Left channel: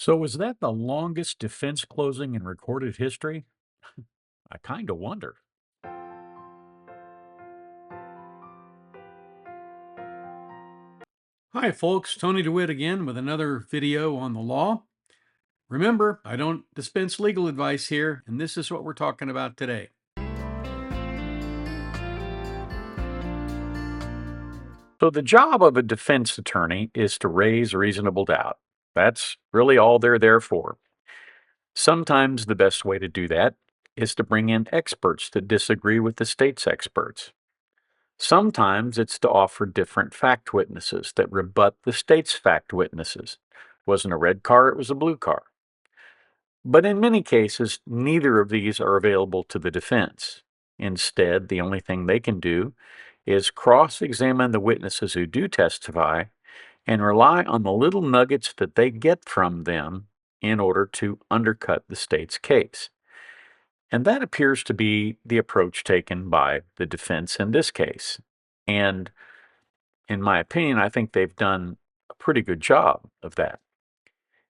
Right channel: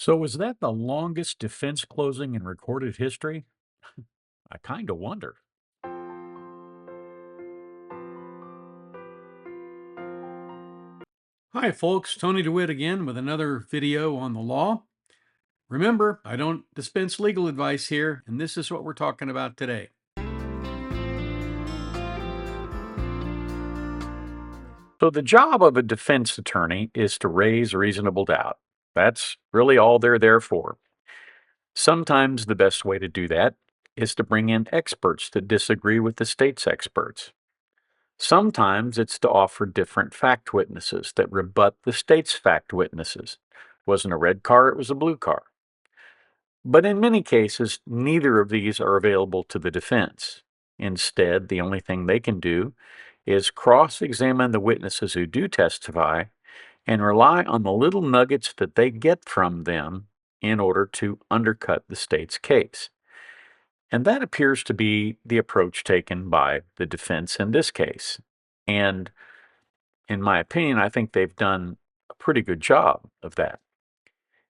So was that the longest defense closing in recorded history? I kind of wonder. Hi, folks. Tony DeWitt again with another video on the law. Remember, I don't dispense legal advice here, and this is what we're talking about today. So, the job of a defense attorney is to raise reasonable doubt. That's really all they're there for. Sometimes the best way to do that is to bring in experts that disagree with the state's experts. Sometimes it's to offer different fact witnesses that rebut the state's fact witnesses. Wasn't a red car, it was a blue car. But in many cases, neither of these are available to the defense. Instead, the only thing they can do is cross examine the witnesses who do testify and rely on the little nuggets that they get from them in order to undercut the state's case. And that appears to be the approach taken by the defense in this case. And in my opinion, I think they've done a pretty good job of that.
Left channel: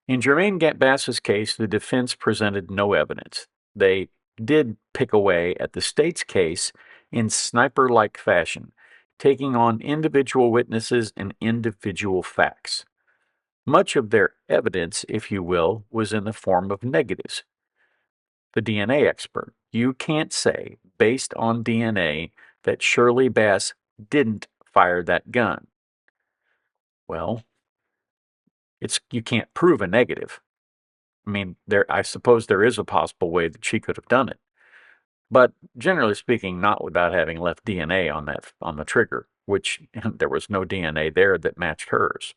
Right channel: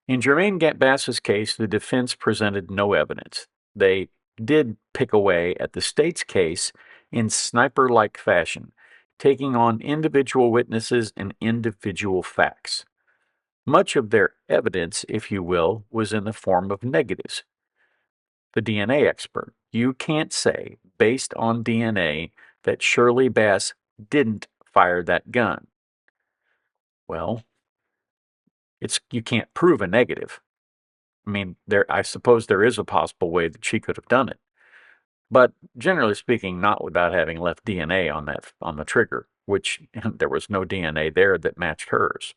In Jermaine Bass's case, the defense presented no evidence. They did pick away at the state's case in sniper like fashion, taking on individual witnesses and individual facts. Much of their evidence, if you will, was in the form of negatives. The DNA expert, you can't say, based on DNA, that Shirley Bass didn't fire that gun. Well, you can't prove a negative. I mean, I suppose there is a possible way that she could have done it, but generally speaking, not without having left DNA on the trigger, which there was no DNA there that matched hers.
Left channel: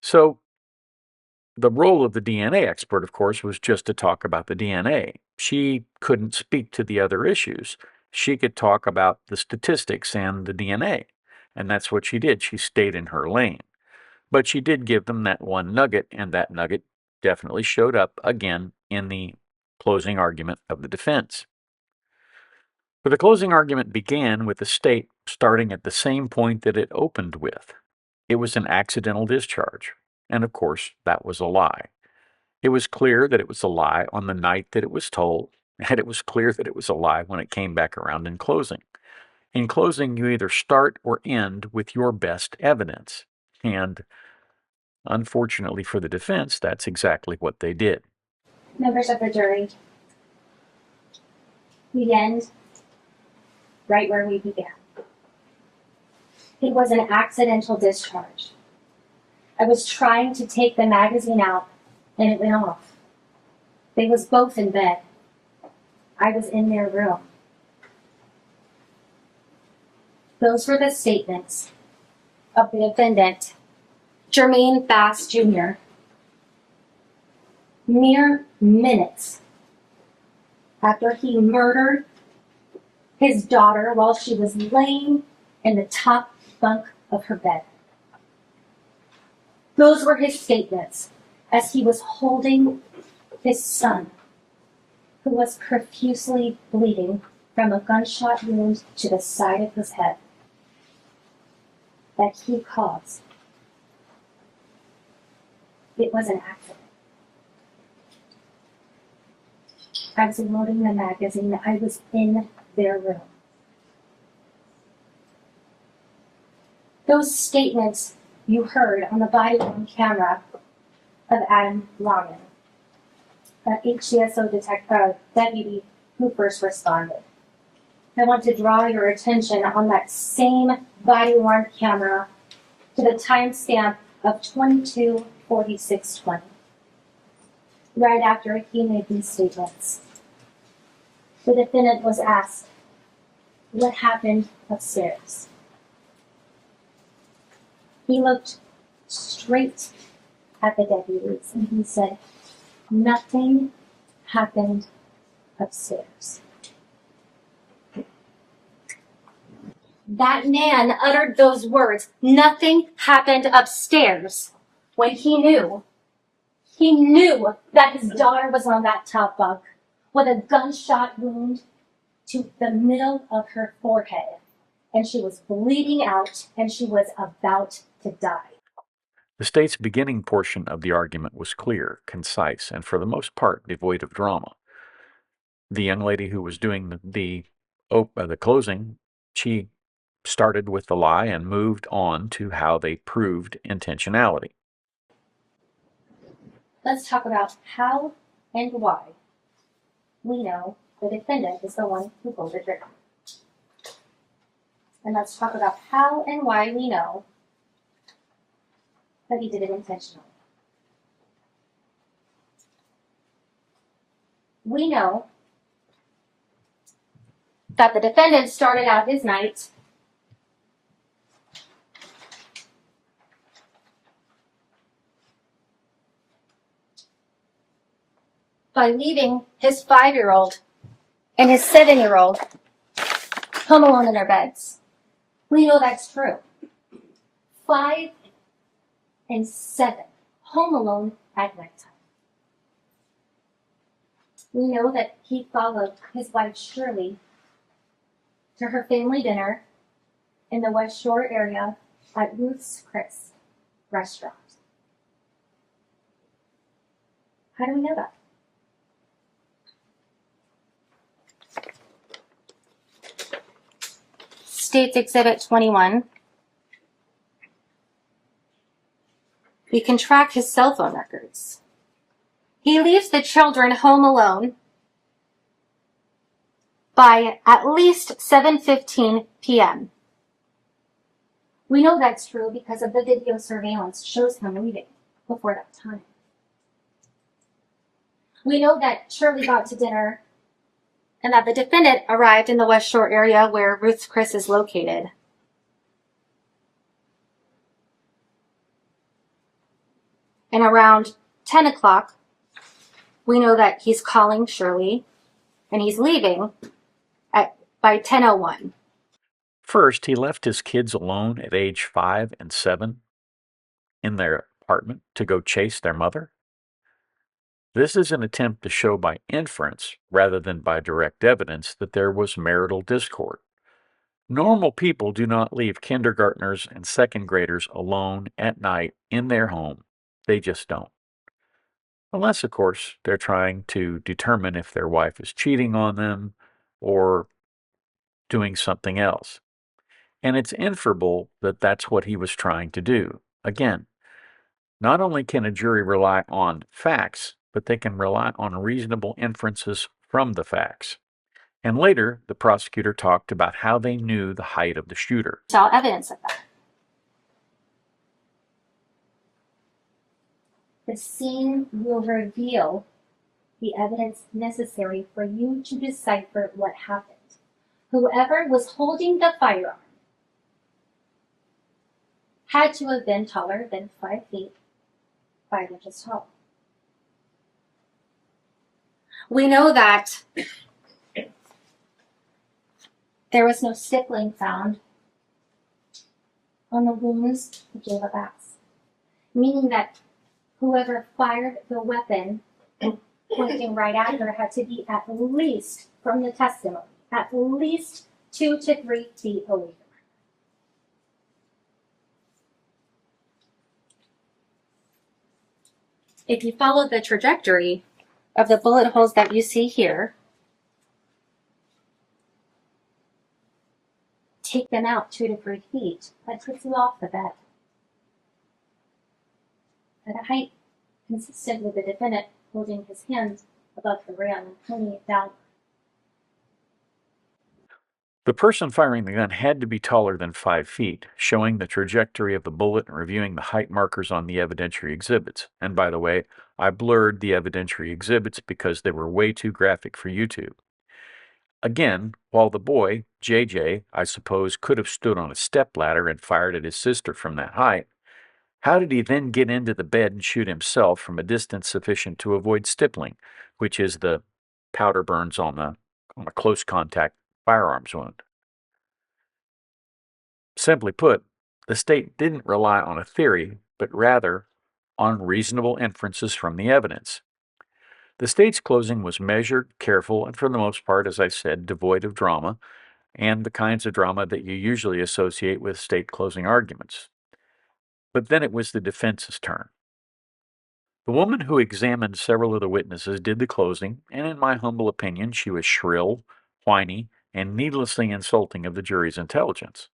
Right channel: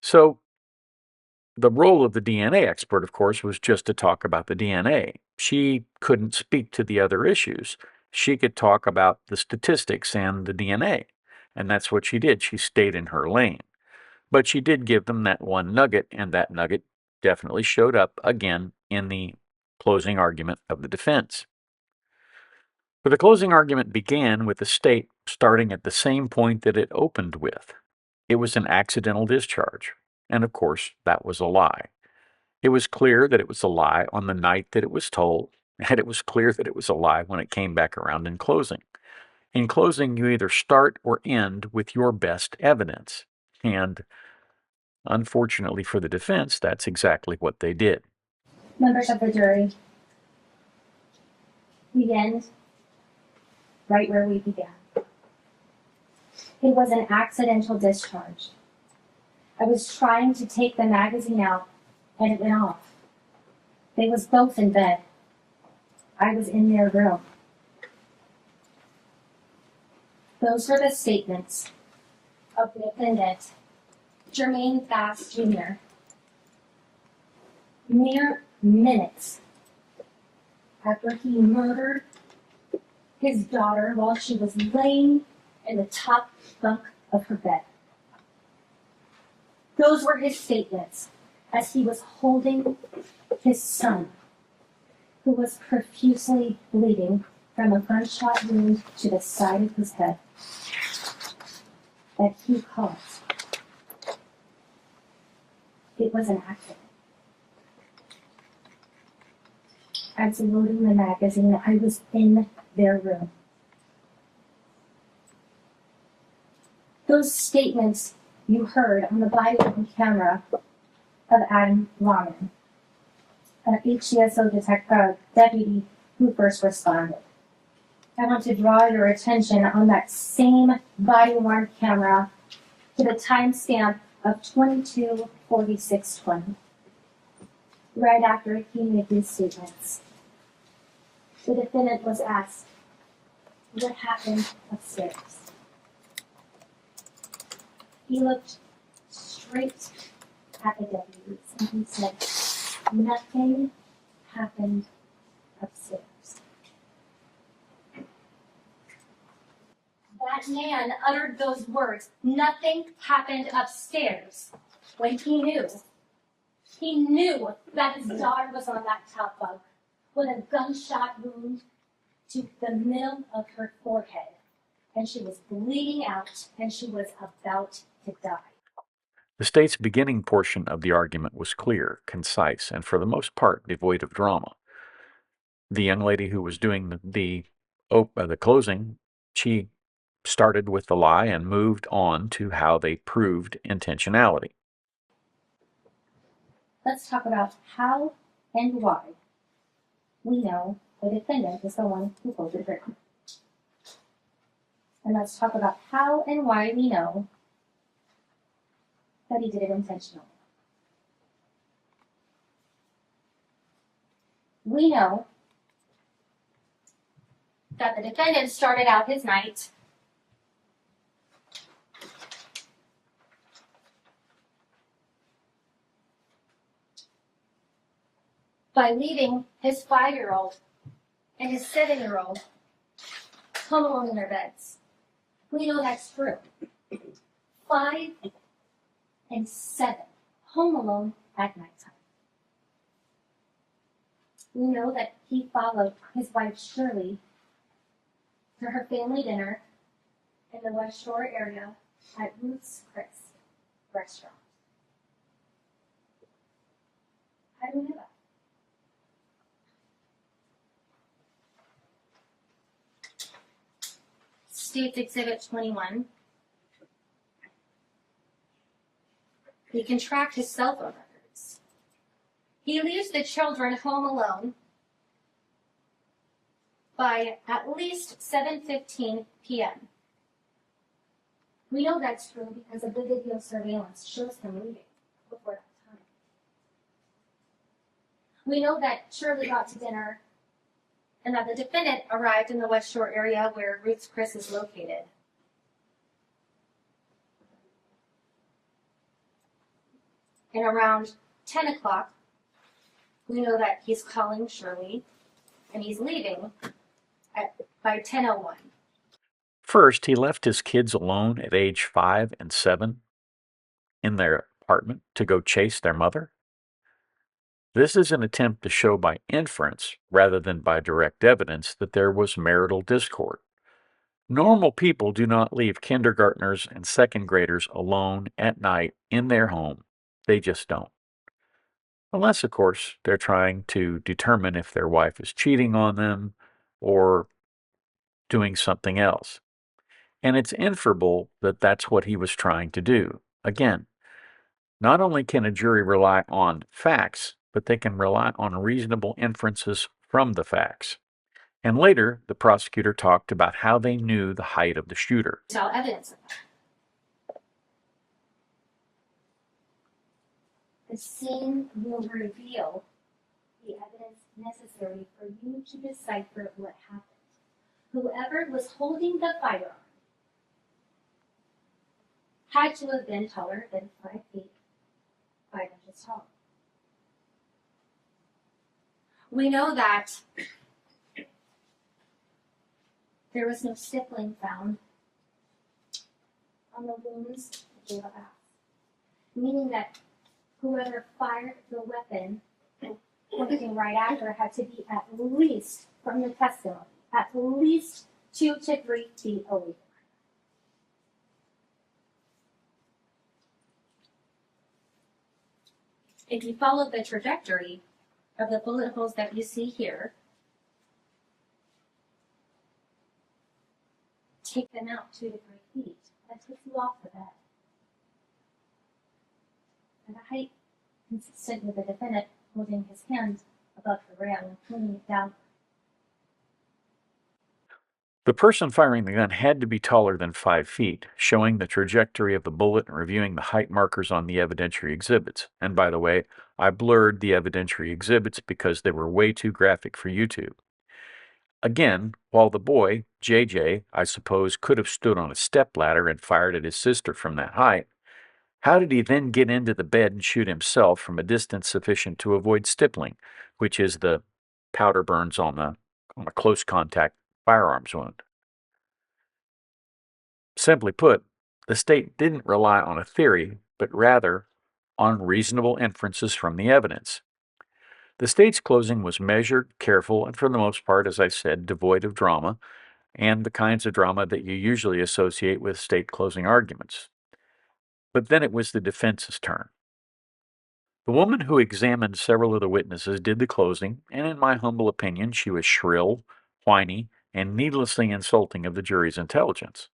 So the role of the DNA expert, of course, was just to talk about the DNA. She couldn't speak to the other issues. She could talk about the statistics and the DNA, and that's what she did. She stayed in her lane. But she did give them that one nugget, and that nugget definitely showed up again in the closing argument of the defense. But the closing argument began with the state starting at the same point that it opened with. It was an accidental discharge, and of course, that was a lie. It was clear that it was a lie on the night that it was told, and it was clear that it was a lie when it came back around in closing. In closing, you either start or end with your best evidence, and unfortunately for the defense, that's exactly what they did. Members of the jury, we end right where we began. It was an accidental discharge. I was trying to take the magazine out and it went off. They was both in bed. I was in their room. Those were the statements of the defendant, Jermaine Bass Jr., mere minutes after he murdered his daughter while she was laying in the top bunk of her bed. Those were his statements as he was holding his son, who was profusely bleeding from a gunshot wound to the side of his head that he caused. It was an accident. I was loading the magazine. I was in their room. Those statements you heard on the body worn camera of Adam Lawman, an HCSO deputy who first responded. I want to draw your attention on that same body-worn camera to the timestamp of 22:46:20, right after he made these statements. The defendant was asked, "What happened upstairs?" He looked straight at the deputies and he said, "Nothing happened upstairs." That man uttered those words, "Nothing happened upstairs," when he knew that his daughter was on that top bunk with a gunshot wound to the middle of her forehead, and she was bleeding out and she was about to die. The state's beginning portion of the argument was clear, concise, and for the most part devoid of drama. The young lady who was doing the closing, she started with the lie and moved on to how they proved intentionality. Let's talk about how and why we know the defendant is the one who pulled the trigger. And let's talk about how and why we know that he did it intentionally. We know that the defendant started out his night by leaving his 5-year-old and his 7-year-old home alone in their beds. We know that's true. 5 and 7, home alone at nighttime. We know that he followed his wife Shirley to her family dinner in the West Shore area at Ruth's Chris restaurant. How do we know that? States Exhibit 21. We can track his cell phone records. He leaves the children home alone by at least 7:15 p.m. We know that's true because of the video surveillance shows him leaving before that time. We know that Shirley got to dinner and that the defendant arrived in the West Shore area where Ruth's Chris is located. And around 10 o'clock, we know that he's calling Shirley and he's leaving by 10:01. First, he left his kids alone at age 5 and 7 in their apartment to go chase their mother. This is an attempt to show by inference, rather than by direct evidence, that there was marital discord. Normal people do not leave kindergartners and second graders alone at night in their home. They just don't. Unless, of course, they're trying to determine if their wife is cheating on them or doing something else. And it's inferable that that's what he was trying to do. Again, not only can a jury rely on facts, but they can rely on reasonable inferences from the facts. And later, the prosecutor talked about how they knew the height of the shooter. Saw evidence of that. The scene will reveal the evidence necessary for you to decipher what happened. Whoever was holding the firearm had to have been taller than 5 feet, 5 inches tall. We know that there was no stippling found on the wounds of Caleb Bass, meaning that whoever fired the weapon pointing right at her had to be at least, from the testimony, at least 2 to 3 feet away from her. If you follow the trajectory of the bullet holes that you see here, take them out 2 to 3 feet, that puts you off the bed at a height consistent with the defendant holding his hands above the rail and pointing it down. The person firing the gun had to be taller than 5 feet, showing the trajectory of the bullet and reviewing the height markers on the evidentiary exhibits. And by the way, I blurred the evidentiary exhibits because they were way too graphic for YouTube. Again, while the boy, JJ, I suppose, could have stood on a stepladder and fired at his sister from that height, how did he then get into the bed and shoot himself from a distance sufficient to avoid stippling, which is the powder burns on a close contact firearms wound? Simply put, the state didn't rely on a theory, but rather on reasonable inferences from the evidence. The state's closing was measured, careful, and for the most part, as I said, devoid of drama, and the kinds of drama that you usually associate with state closing arguments. But then it was the defense's turn. The woman who examined several of the witnesses did the closing, and in my humble opinion, she was shrill, whiny, and needlessly insulting of the jury's intelligence.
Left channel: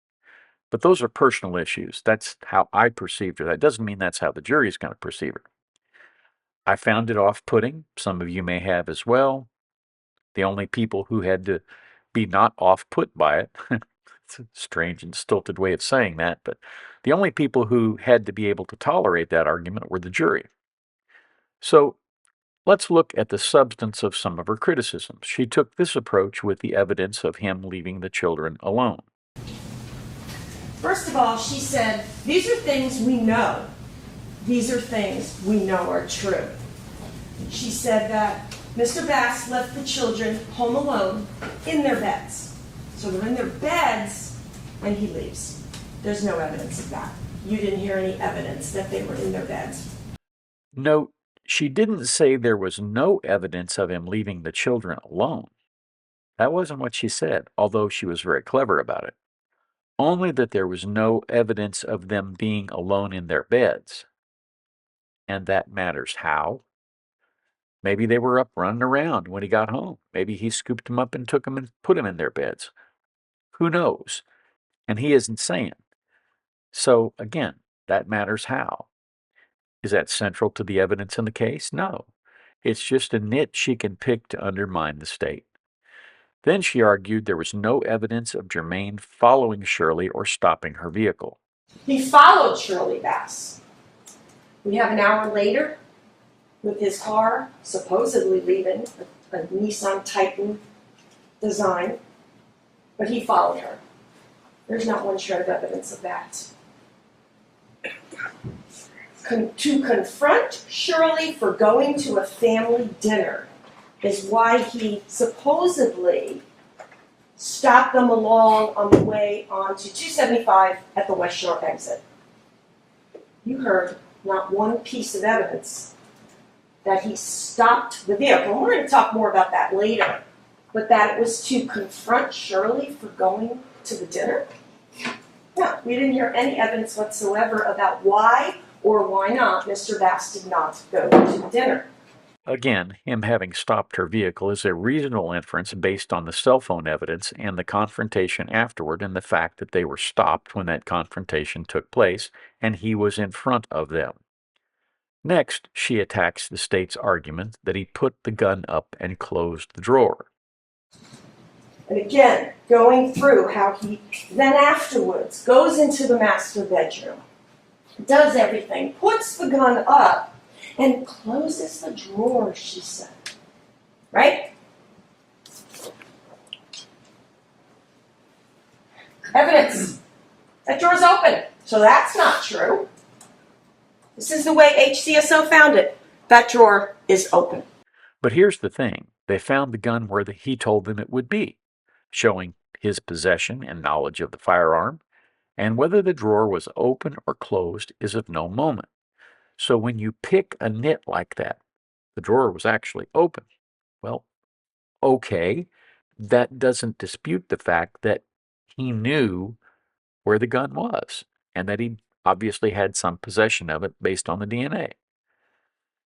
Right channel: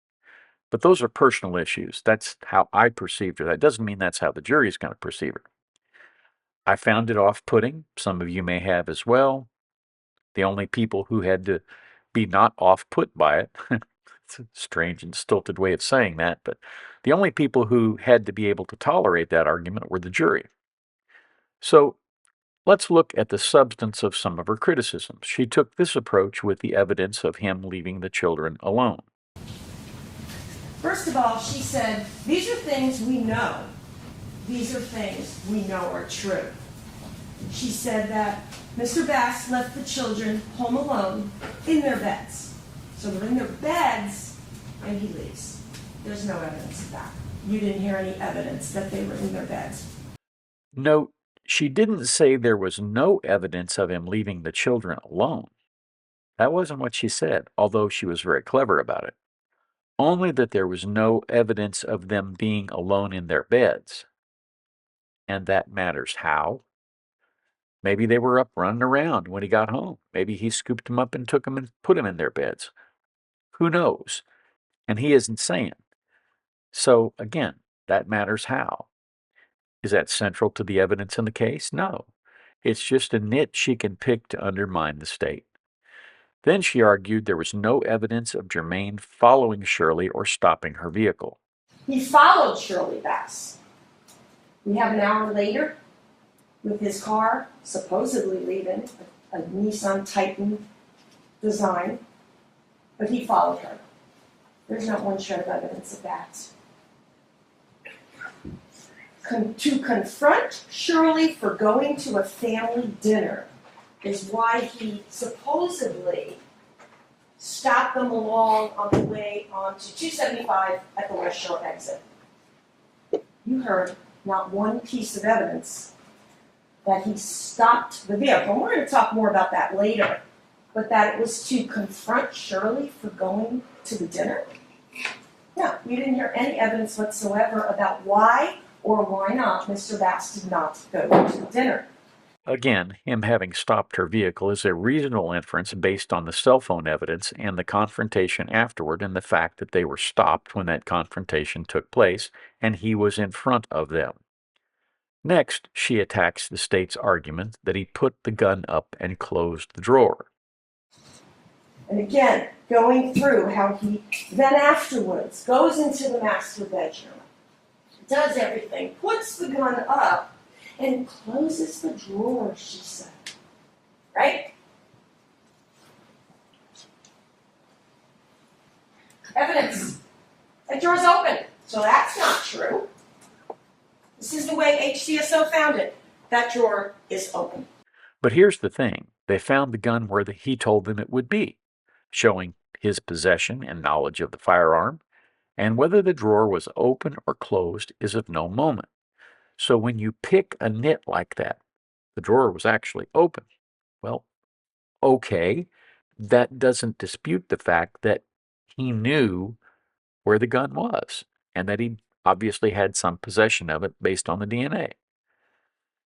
But those are personal issues. That's how I perceived her. That doesn't mean that's how the jury is going to perceive her. I found it off-putting. Some of you may have as well. The only people who had to be not off-put by it, it's a strange and stilted way of saying that, but the only people who had to be able to tolerate that argument were the jury. So let's look at the substance of some of her criticisms. She took this approach with the evidence of him leaving the children alone. First of all, she said, these are things we know. These are things we know are true. She said that Mr. Bass left the children home alone in their beds. So they're in their beds and he leaves. There's no evidence of that. You didn't hear any evidence that they were in their beds. Note, she didn't say there was no evidence of him leaving the children alone. That wasn't what she said, although she was very clever about it. Only that there was no evidence of them being alone in their beds. And that matters how? Maybe they were up running around when he got home. Maybe he scooped them up and took them and put them in their beds. Who knows? And he isn't saying. So again, that matters how. Is that central to the evidence in the case? No. It's just a nit she can pick to undermine the state. Then she argued there was no evidence of Germain following Shirley or stopping her vehicle. He followed Shirley Bass. We have an hour later with his car supposedly leaving, a Nissan Titan design, but he followed her. There's not one shred of evidence of that. To confront Shirley for going to a family dinner is why he supposedly stopped them along on the way onto 275 at the West Shore exit. You heard not one piece of evidence that he stopped the vehicle. And we're going to talk more about that later. But that it was to confront Shirley for going to the dinner? No, we didn't hear any evidence whatsoever about why or why not Mr. Bass did not go to the dinner. Again, him having stopped her vehicle is a reasonable inference based on the cell phone evidence and the confrontation afterward and the fact that they were stopped when that confrontation took place and he was in front of them. Next, she attacks the state's argument that he put the gun up and closed the drawer. And again, going through how he then afterwards goes into the master bedroom, does everything, puts the gun up, and closes the drawer, she said. Right? Evidence. That drawer's open. So that's not true. This is the way HCSO found it. That drawer is open. But here's the thing. They found the gun where he told them it would be, showing his possession and knowledge of the firearm, and whether the drawer was open or closed is of no moment. So when you pick a nit like that, the drawer was actually open. Well, okay, that doesn't dispute the fact that he knew where the gun was and that he obviously had some possession of it based on the DNA.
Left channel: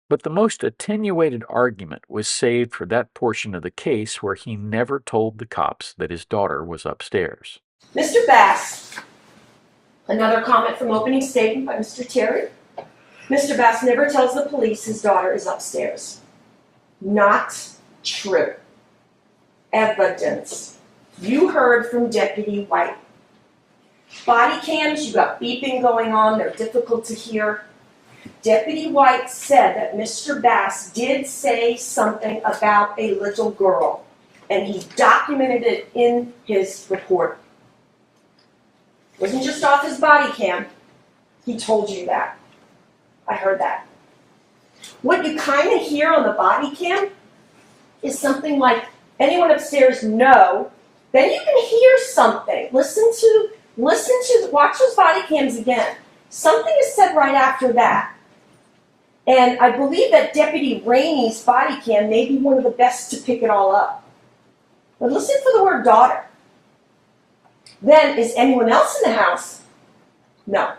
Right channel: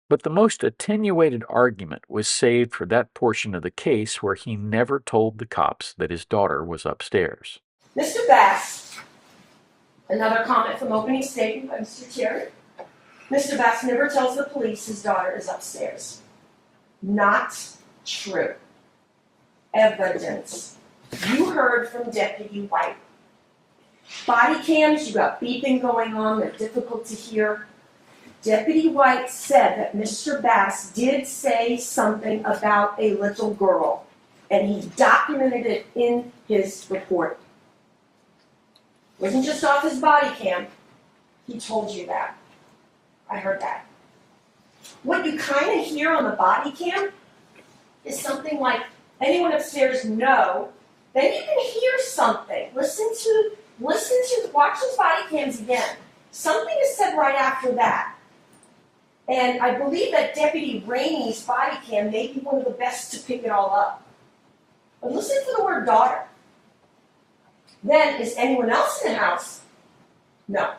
But the most attenuated argument was saved for that portion of the case where he never told the cops that his daughter was upstairs. Mr. Bass, another comment from opening statement by Mr. Terry. Mr. Bass never tells the police his daughter is upstairs. Not true. Evidence. You heard from Deputy White. Body cams, you got beeping going on, they're difficult to hear. Deputy White said that Mr. Bass did say something about a little girl, and he documented it in his report. It wasn't just off his body cam. He told you that. I heard that. What you kind of hear on the body cam is something like, anyone upstairs? No. Then you can hear something. Watch those body cams again. Something is said right after that. And I believe that Deputy Rainey's body cam may be one of the best to pick it all up. But listen for the word daughter. Then, is anyone else in the house? No.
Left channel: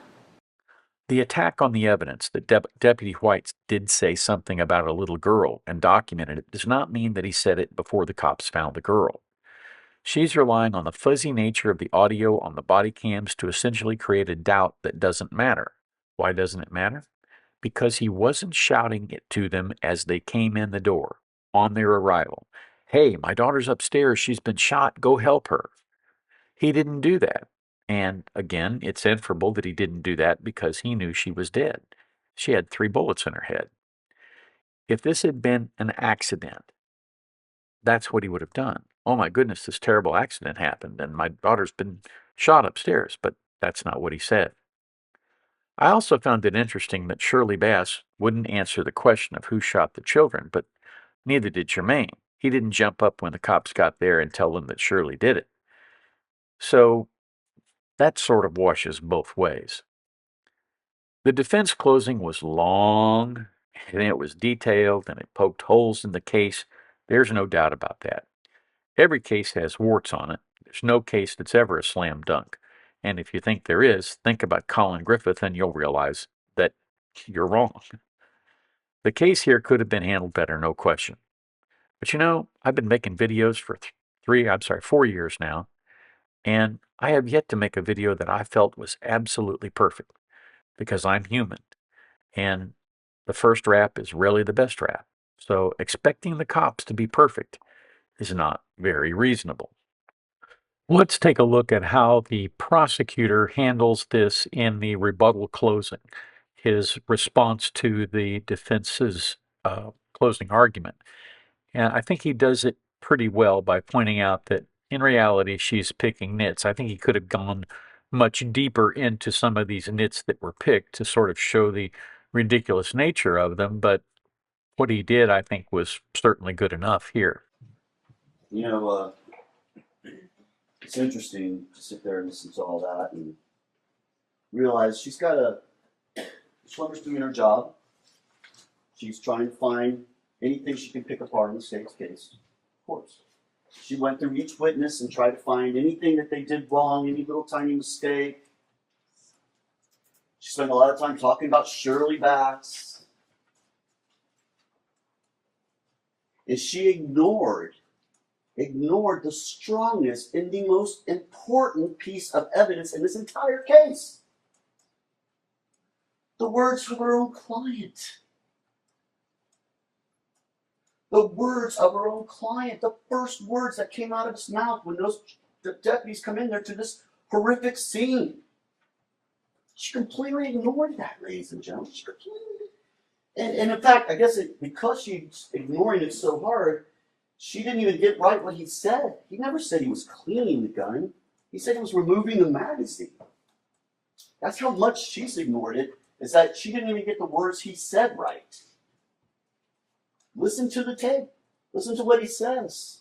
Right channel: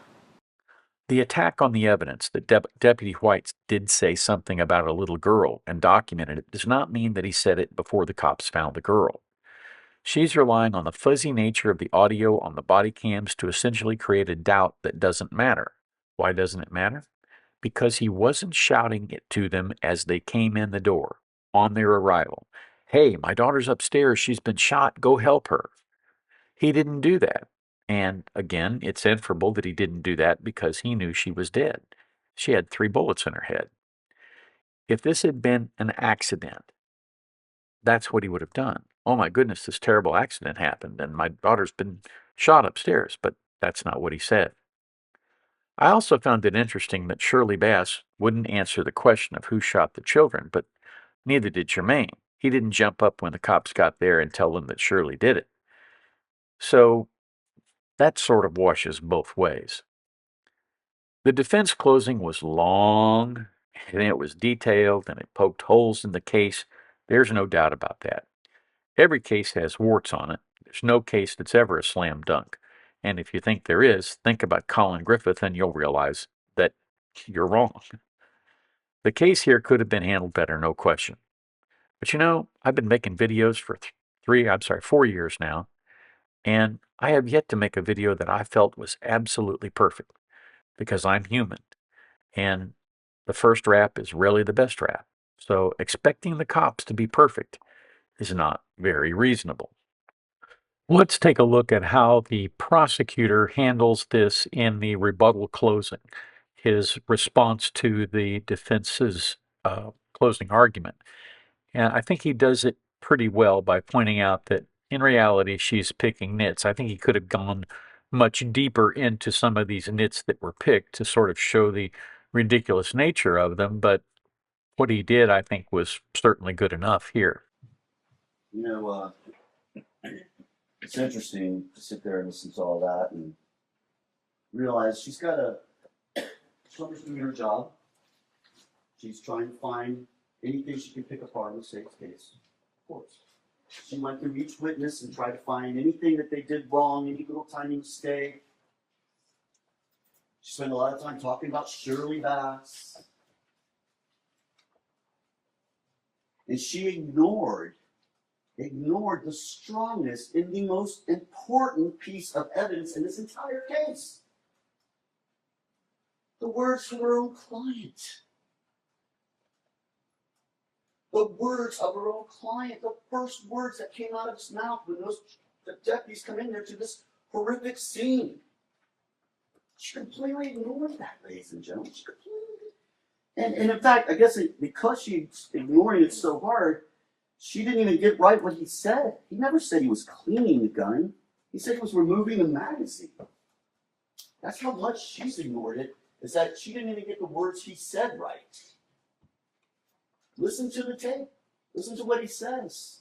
The attack on the evidence that Deputy White did say something about a little girl and documented it does not mean that he said it before the cops found the girl. She's relying on the fuzzy nature of the audio on the body cams to essentially create a doubt that doesn't matter. Why doesn't it matter? Because he wasn't shouting it to them as they came in the door on their arrival. Hey, my daughter's upstairs. She's been shot. Go help her. He didn't do that. And again, it's inferable that he didn't do that because he knew she was dead. She had 3 bullets in her head. If this had been an accident, that's what he would have done. Oh my goodness, this terrible accident happened and my daughter's been shot upstairs, but that's not what he said. I also found it interesting that Shirley Bass wouldn't answer the question of who shot the children, but neither did Jermaine. He didn't jump up when the cops got there and tell them that Shirley did it. So that sort of washes both ways. The defense closing was long, and it was detailed, and it poked holes in the case. There's no doubt about that. Every case has warts on it. There's no case that's ever a slam dunk. And if you think there is, think about Colin Griffith and you'll realize that you're wrong. The case here could have been handled better, no question. But you know, I've been making videos for 4 years now, and I have yet to make a video that I felt was absolutely perfect because I'm human. And the first rap is really the best rap. So expecting the cops to be perfect is not very reasonable. Let's take a look at how the prosecutor handles this in the rebuttal closing, his response to the defense's closing argument. And I think he does it pretty well by pointing out that in reality she's picking nits. I think he could have gone much deeper into some of these nits that were picked to sort of show the ridiculous nature of them, but what he did, I think, was certainly good enough here. You know, it's interesting to sit there and listen to all that and realize she's doing her job. She's trying to find anything she can pick apart in the state's case. Of course. She went through each witness and tried to find anything that they did wrong, any little tiny mistake. She spent a lot of time talking about Shirley Bass. And she ignored the strongest and the most important piece of evidence in this entire case. The words from her own client. The words of her own client. The first words that came out of his mouth when those deputies come in there to this horrific scene. She completely ignored that, ladies and gentlemen. She completely. And in fact, I guess because she's ignoring it so hard, she didn't even get right what he said. He never said he was cleaning the gun. He said he was removing the magazine. That's how much she's ignored it, is that she didn't even get the words he said right. Listen to the tape. Listen to what he says.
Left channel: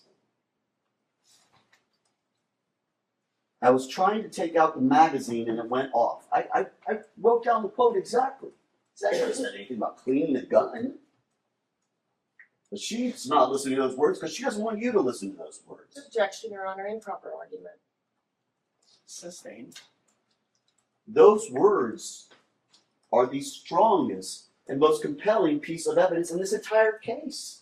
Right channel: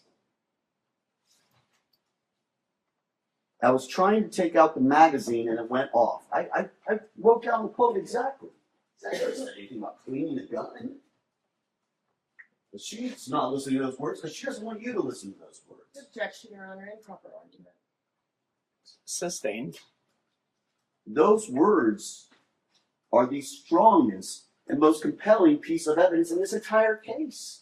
I was trying to take out the magazine and it went off. I wrote down the quote exactly. I never said anything about cleaning the gun. But she's not listening to those words because she doesn't want you to listen to those words. Objection, Your Honor, improper argument. Sustained. Those words are the strongest and most compelling piece of evidence in this entire case.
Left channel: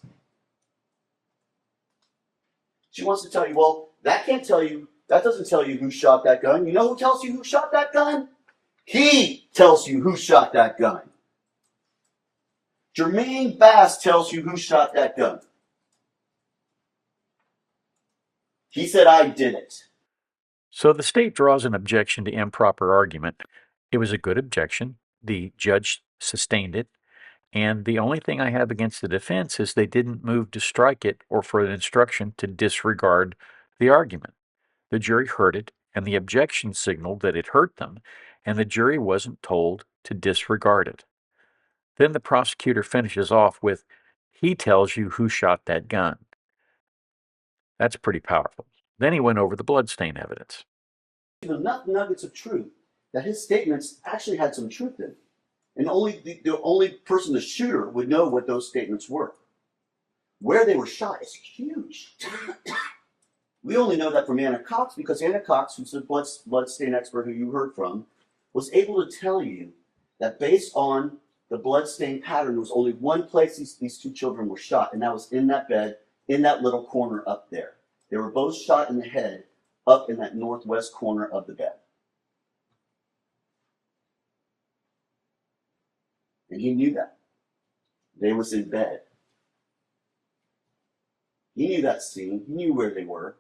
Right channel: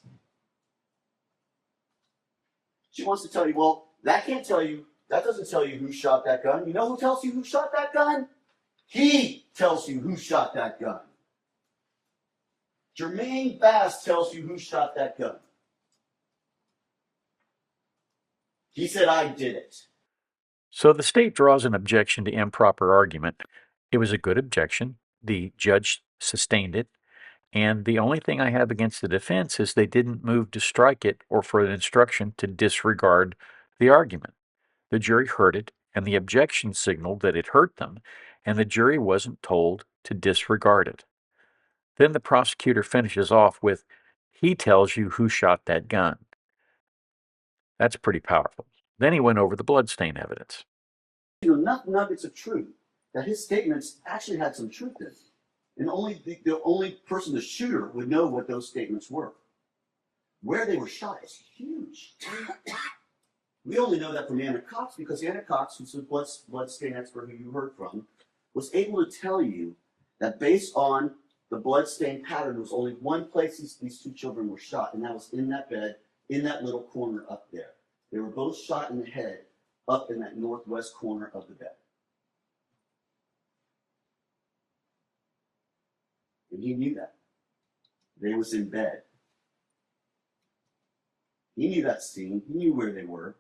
She wants to tell you, well, that doesn't tell you who shot that gun. You know who tells you who shot that gun? He tells you who shot that gun. Jermaine Bass tells you who shot that gun. He said, I did it. So the state draws an objection to improper argument. It was a good objection. The judge sustained it. And the only thing I have against the defense is they didn't move to strike it or for an instruction to disregard the argument. The jury heard it, and the objection signaled that it hurt them, and the jury wasn't told to disregard it. Then the prosecutor finishes off with, he tells you who shot that gun. That's pretty powerful. Then he went over the bloodstain evidence. Enough nuggets of truth that his statements actually had some truth in it. And only the only person, the shooter, would know what those statements were. Where they were shot is huge. We only know that from Anna Cox because Anna Cox, who's the bloodstain expert who you heard from, was able to tell you that based on the bloodstain pattern, there was only one place these two children were shot, and that was in that bed, in that little corner up there. They were both shot in the head up in that northwest corner of the bed. And he knew that. They was in bed. He knew that scene. He knew where they were.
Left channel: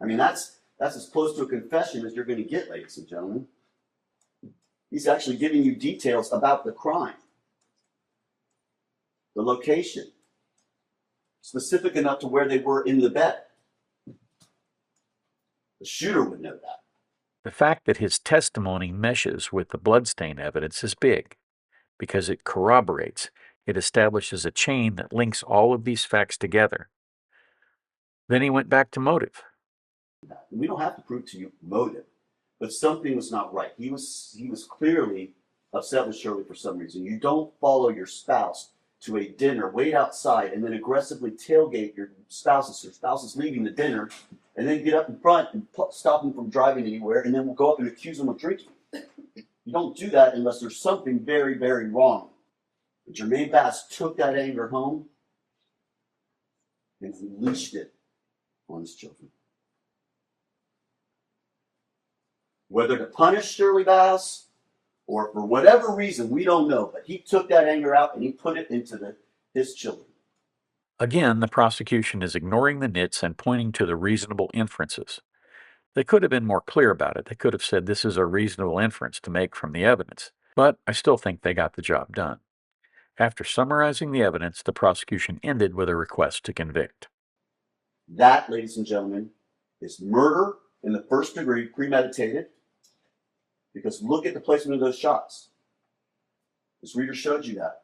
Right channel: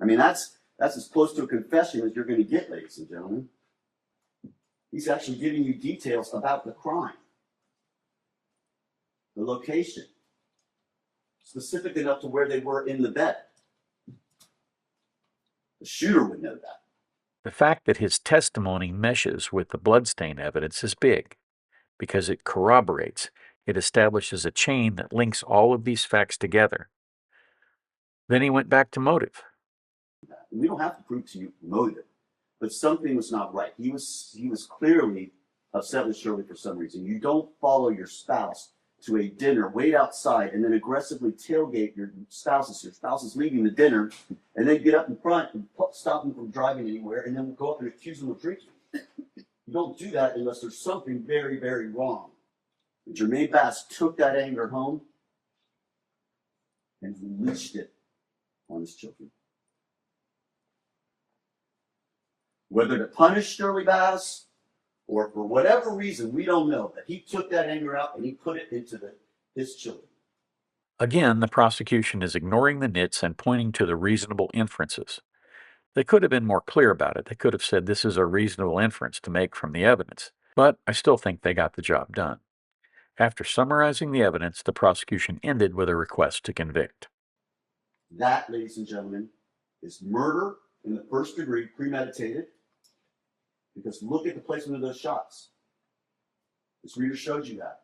I mean, that's as close to a confession as you're going to get, ladies and gentlemen. He's actually giving you details about the crime, the location, specific enough to where they were in the bed. The shooter would know that. The fact that his testimony meshes with the bloodstain evidence is big, because it corroborates, it establishes a chain that links all of these facts together. Then he went back to motive. We don't have to prove to you motive, but something was not right. He was clearly upset with Shirley for some reason. You don't follow your spouse to a dinner, wait outside, and then aggressively tailgate your spouse is leaving the dinner, and then get up in front and stop them from driving anywhere, and then we'll go up and accuse them of drinking. You don't do that unless there's something very, very wrong. But Jermaine Bass took that anger home and unleashed it on his children. Whether to punish Shirley Bass or for whatever reason, we don't know, but he took that anger out and he put it into his children. Again, the prosecution is ignoring the nits and pointing to the reasonable inferences. They could have been more clear about it. They could have said this is a reasonable inference to make from the evidence, but I still think they got the job done. After summarizing the evidence, the prosecution ended with a request to convict. That, ladies and gentlemen, is murder in the first degree, premeditated, because look at the placement of those shots. This reader showed you that.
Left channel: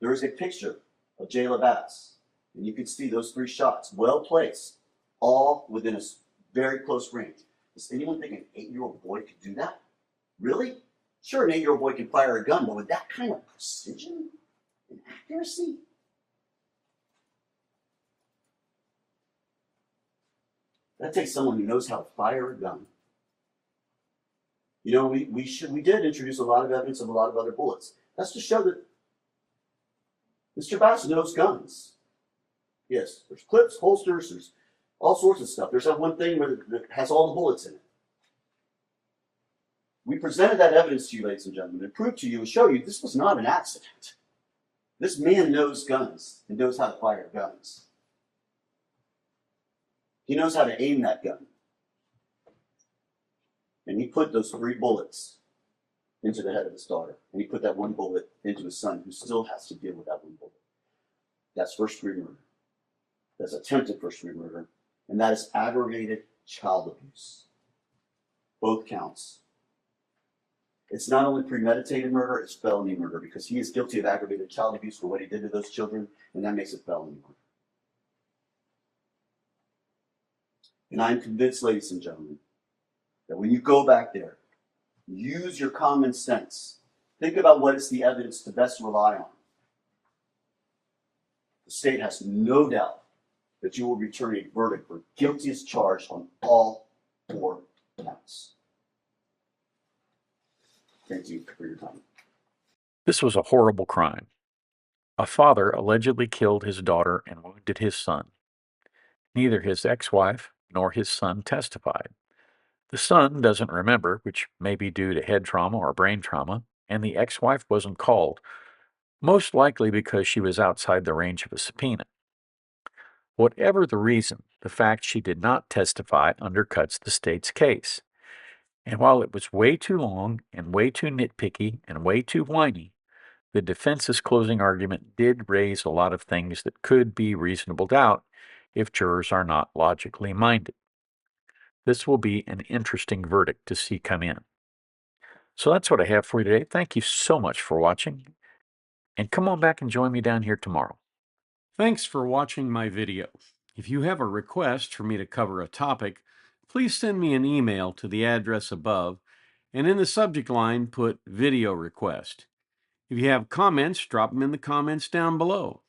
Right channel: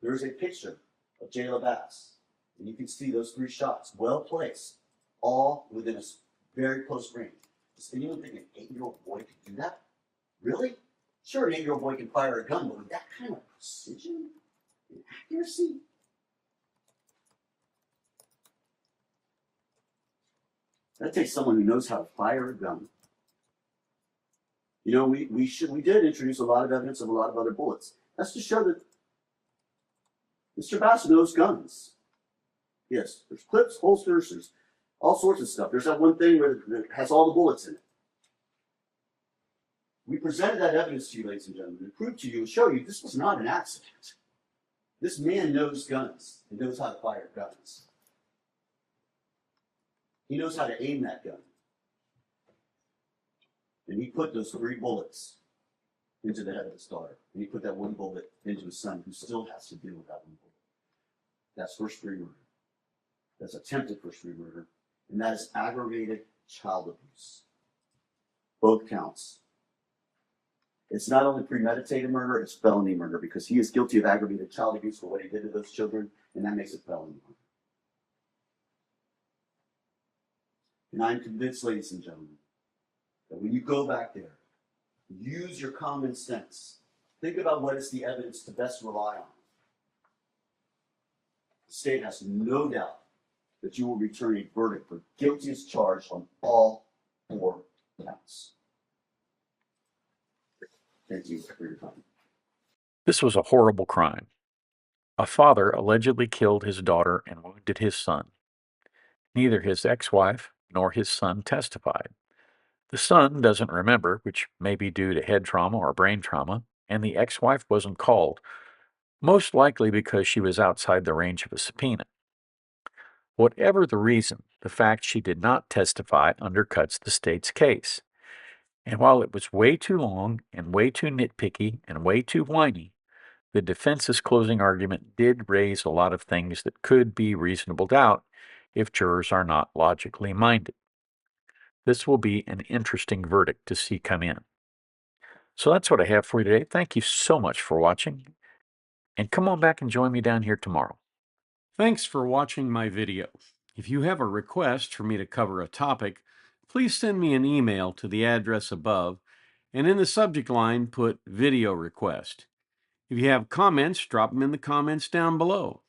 There is a picture of Jayla Bass, and you can see those 3 shots, well placed, all within a very close range. Does anyone think an 8-year-old boy could do that? Really? Sure, an 8-year-old boy can fire a gun, but with that kind of precision and accuracy? That takes someone who knows how to fire a gun. You know, we did introduce a lot of evidence of a lot of other bullets. That's to show that Mr. Bass knows guns. Yes, there's clips, holsters, there's all sorts of stuff. There's that one thing where it has all the bullets in it. We presented that evidence to you, ladies and gentlemen, and proved to you and show you this was not an accident. This man knows guns and knows how to fire guns. He knows how to aim that gun. And he put those 3 bullets into the head of his daughter. And he put that 1 bullet into his son, who still has to deal with that 1 bullet. That's first-degree murder. That's attempted first-degree murder. And that is aggravated child abuse. Both counts. It's not only premeditated murder, it's felony murder, because he is guilty of aggravated child abuse for what he did to those children, and that makes it felony murder. And I'm convinced, ladies and gentlemen, that when you go back there, use your common sense. Think about what is the evidence to best rely on. The state has no doubt that you will return a verdict for guilty as charged on all 4 counts. Thank you for your time. This was a horrible crime. A father allegedly killed his daughter and wounded his son. Neither his ex-wife nor his son testified. The son doesn't remember, which may be due to head trauma or brain trauma, and the ex-wife wasn't called, most likely because she was outside the range of a subpoena. Whatever the reason, the fact she did not testify undercuts the state's case. And while it was way too long and way too nitpicky and way too whiny, the defense's closing argument did raise a lot of things that could be reasonable doubt if jurors are not logically minded. This will be an interesting verdict to see come in. So that's what I have for you today. Thank you so much for watching, and come on back and join me down here tomorrow. Thanks for watching my video. If you have a request for me to cover a topic, please send me an email to the address above, and in the subject line put video request. If you have comments, drop them in the comments down below.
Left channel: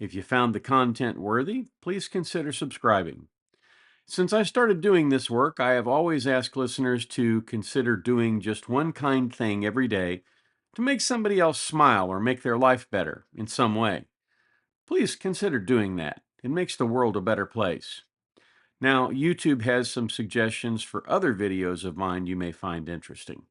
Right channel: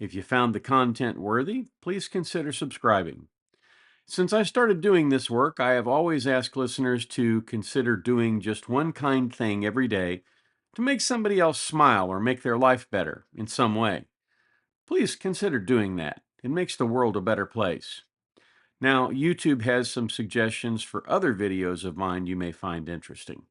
If you found the content worthy, please consider subscribing. Since I started doing this work, I have always asked listeners to consider doing just one kind thing every day to make somebody else smile or make their life better in some way. Please consider doing that. It makes the world a better place. Now, YouTube has some suggestions for other videos of mine you may find interesting.